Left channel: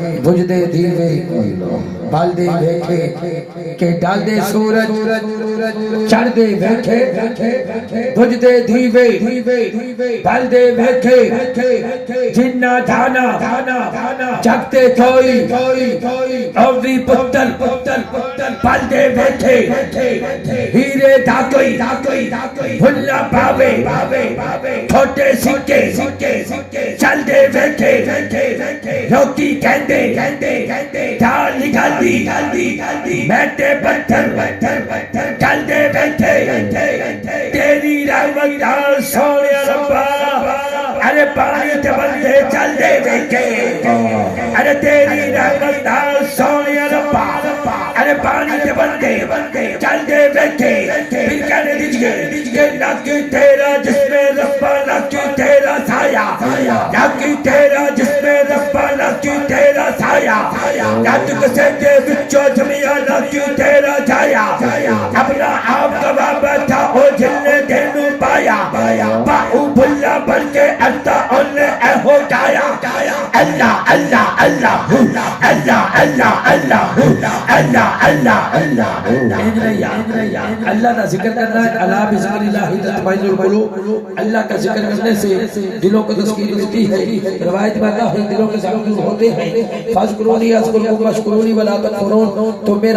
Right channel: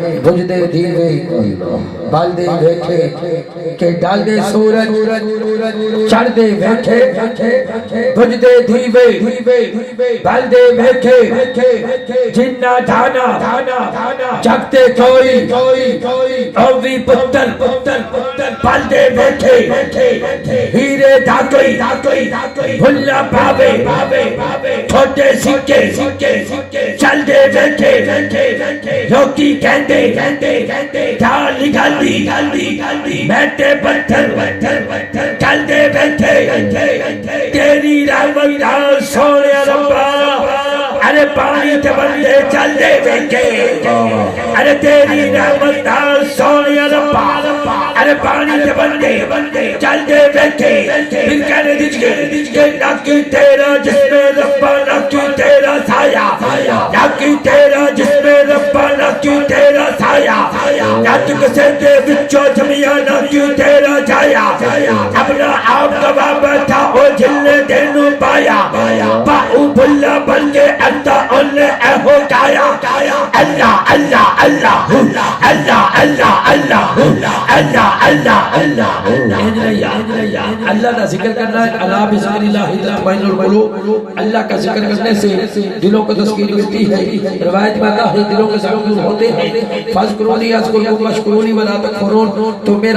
بجھ دے دیوے بال دے بیٹھے کہ ڈال دے سورج چڑھ دے بیٹھے بجھ دے دیوے بال دے بیٹھے جنہ دھانا جگتے کوئی اوی پتر بال دے بیٹھے ہیرے دھاکوئی بھلا پاوے چھوٹے سکے چل دے بیٹھے روکی کہندے ڈالی گلدی بیٹھے پتھر چل دے بیٹھے تیری رحمت نال سونے ربا ارے پانی تے بندے چل دے بیٹھے ارے تیری رحمت نال سونے ربا ارے پانی تے بندے چل دے بیٹھے پھر کہنے دیجئے لکی تیرا جس میں ربا لکی تیرا سایہ لکی تیرا جس میں ربا لکی تیرا سایہ لکی سیدے بچو جمعیہ لکی تیرا جایا اپنا آپ کا بابا تھا او جلنے دینو پایا باؤ بھلا بن کے انتا انہیں اے ہو جایا اللہ اللہ اللہ اللہ اللہ اللہ اللہ اللہ اللہ کا ذکر کرنا ہے اللہ بذکر اللہ تطمئن القلوب اللہ کا ذکر کرنے سے دلوں کو تسکین ملتی ہے روایت میں اللہ دلوں کے ذکر ہوتے ہیں فاذکرونی اذکرکم واشکرونی ولا تکفرون تو میرا